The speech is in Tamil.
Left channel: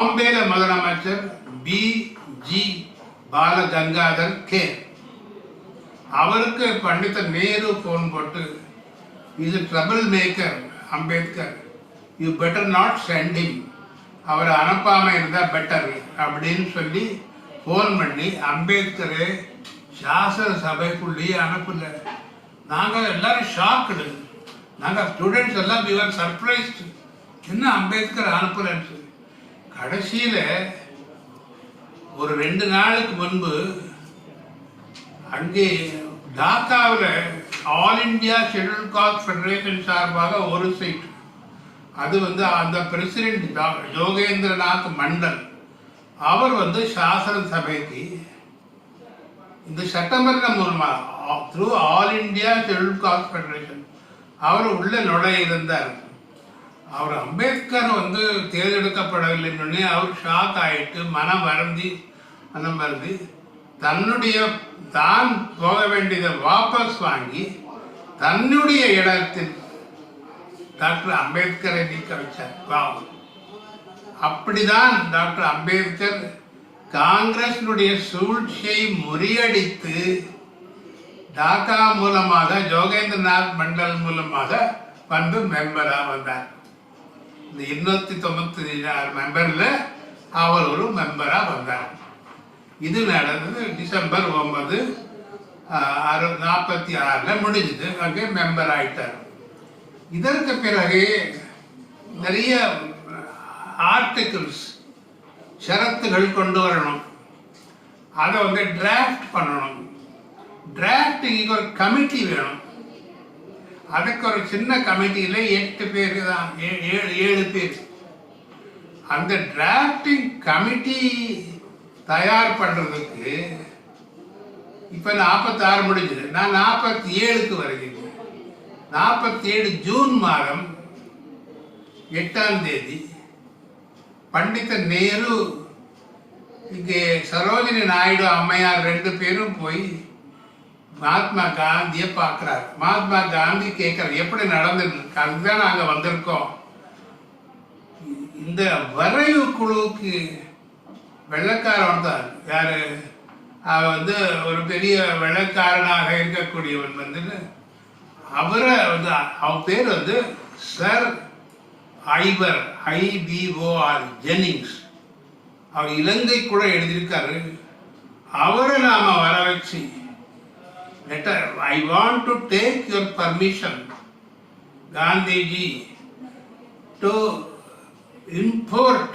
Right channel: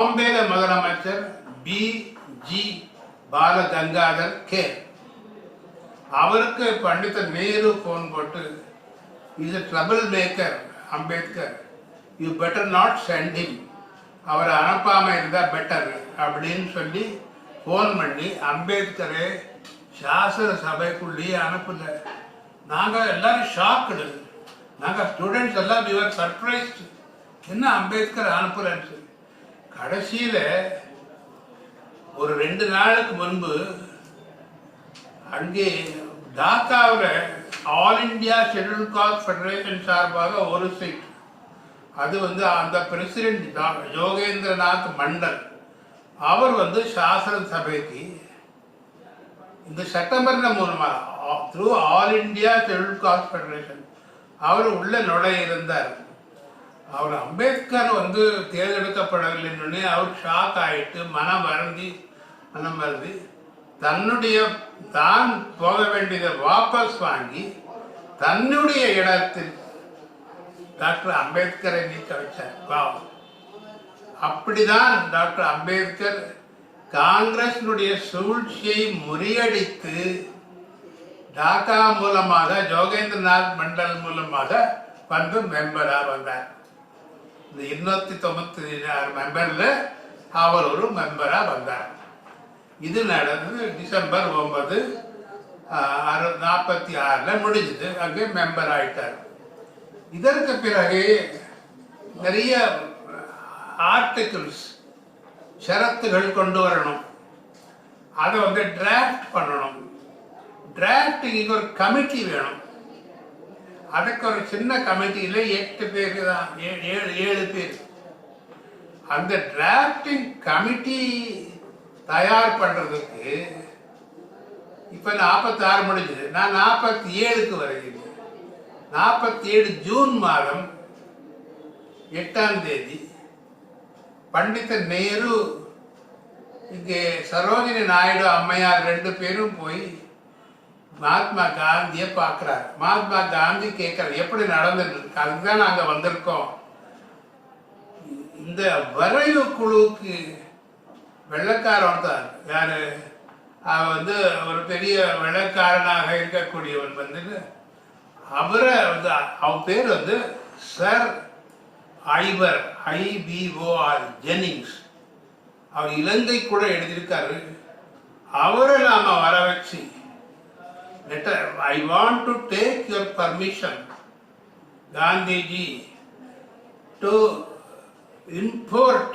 பாம்பேல முதலமைச்சர் பி.ஜி. பாலகங்காதர் கே. அவருக்கு பண்டித நேரு போன் போட்டு, is a trouble maker Ambedkar, you better not send him, அவரை அனுப்பாமல் இருந்தால் பெட்டர் அப்படின்னு சொல்லி ஃபோன் பண்ணி அம்பேத்கரை சாசன சபைக்குள்ளேயே அனுப்பல. நாங்கள் எல்லாரும் ஷாக்குடு. நாங்கள் ஸ்டூடெண்ட்ஸ் எல்லாம் we were surprised. என்ன அம்பேத்கர் அனுப்பலன்னு. கடைசியில் ஒரு 2 நாளுக்கு முன்பு அங்கே டாக்காவில் all India scheduled caste federation சார்பாக ஒரு சீட், அது அந்த பிரசிடென்ட் யோகேந்திரநாத் மண்டல் அவர் சாசன சபைக்கு இந்த சட்டமன்ற மூலமாக through all India scheduled caste federation அவர் உள்ள நுழைய இருந்தார். அவர் அம்பேத்கர் தேர்ந்தெடுக்கப்படவில்லைன்னு அவர் ஷாக் ஆகிட்டு மனம் வருந்தி தான் போக வேண்டியதை வாபஸ் வாங்கி தன்னுடைய இடத்தில் டாக்டர் அம்பேத்கரை நீக்க வச்சார். பாவம். அப்படிதான் டாக்டர் அம்பேத்கர் காங்கிரஸினுடைய சூழ்ச்சியை முறியடித்து டாக்கா மூலமாக யோகேந்திரநாத் மண்டல் மூலமாக மெம்பராக வந்தார். இந்த 296 மெம்பரில் அவர் ஒரு மெம்பராக வந்தார். இது நடந்தது டிசம்பர் 9, 1946 முடிஞ்சது. அங்கே மெம்பர் ஆயிட்டார். இதற்கு பிறகு நிறைய ஆர்டிகிள்ஸ் ஷரத்துகள் கொண்டு வரணும், அதை டிராஃப்ட் பண்ணணும். டிராஃப்டிங்கு ஒரு கமிட்டி வேணும். அதுக்கு ஒரு சின்ன கமிட்டியில் 8 பேர் தான், 7 பேர். அந்த டிராஃப்டிங் கமிட்டி தயார் பண்ணுறதுக்கு இப்போ 46 முடிஞ்சது. நான் 47க்கு வருகிறேன். 47 ஜூன் மாதம் 8ஆம் தேதி பண்டித நேரு இங்கே சரோஜினி நாயுடு அம்மையார் 2 பேரும் போய் மகாத்மா காந்தியை பார்க்குறாரு. மகாத்மா காந்தி கேட்குறாரு, எப்படி நடந்துருக்கு, அதுதான் நாங்கள் வந்திருக்கோம். இந்த வரைவு குழுவுக்கு வெள்ளக்காரன் தான் யார், அவன் ஒரு பெரிய வெள்ளக்காரனாக இருக்கக்கூடியவன் அவரை அவன் பேர் சர் ஐவர் IBOR ஜென்னிங்ஸ். அவர் இலங்கை கூட எழுதியிருக்காரு. அவரை நாம் வர வச்சு I want to take your permission, Gandhiji, to import